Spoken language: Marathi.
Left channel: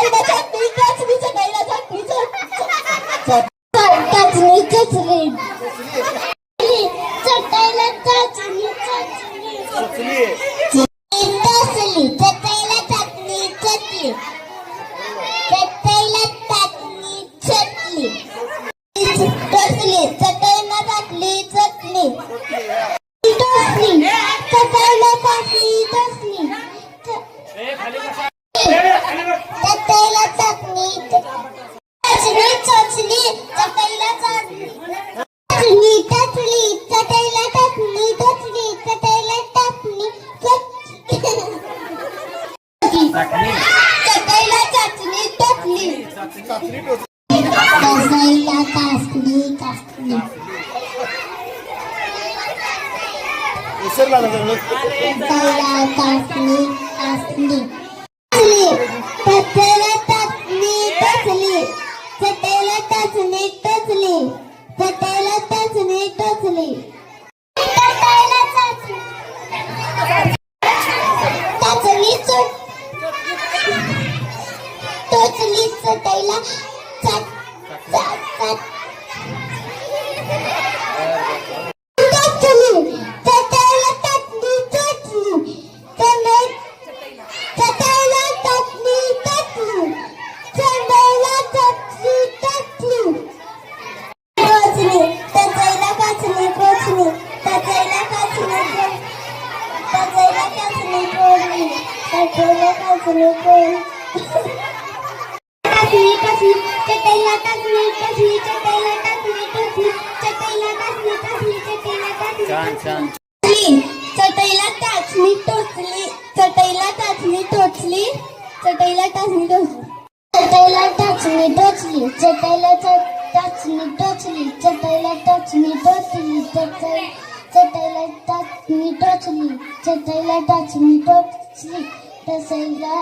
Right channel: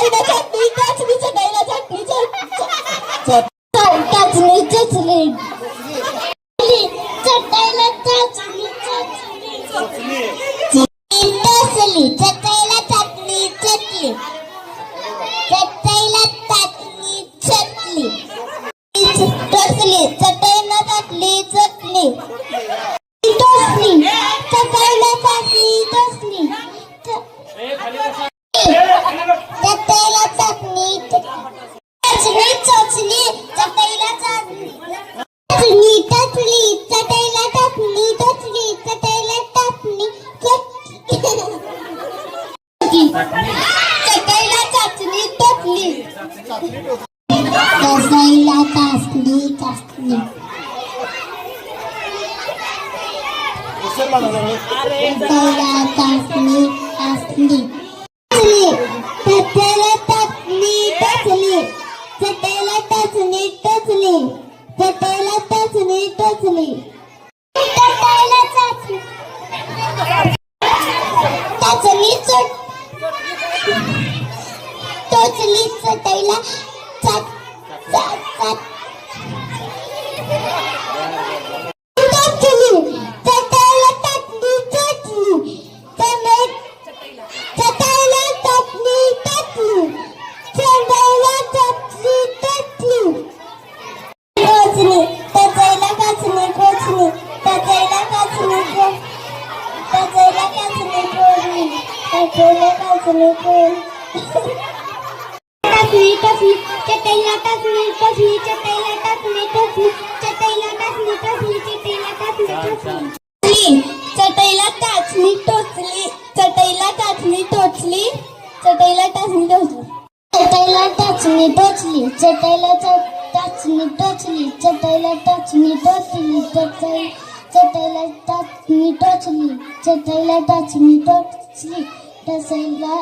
चटाईला चटणी टचली चटाईला चटणी टचली चटली चटाईला टचली चटली टचली चटाईला चटणी चटली चटाईला चटणी चटली टचली चटाईला चटली चटली टचली चटाईला चटणी टचली चटईला चटणी टचली चटणी चटईला चटणी टचली टचली चटईला टचली टचली चटईला टचली चटईला चटणी टचली टचईला टचली टचली चटईला टचली टचली चटईला टचली टचली चटईला टचली टचली चटईला टचली टचली चटईला टचली टचली चटईला चटईला टाचणी टोचली चटईला टाचणी टोचली चटईला टाचणी टोचली चटईला टाचणी टोचली चटईला टाचणी टोचली चटईला टाचणी टोचली चटईला टाचणी टोचली चटईला टाचणी टोचली टचईला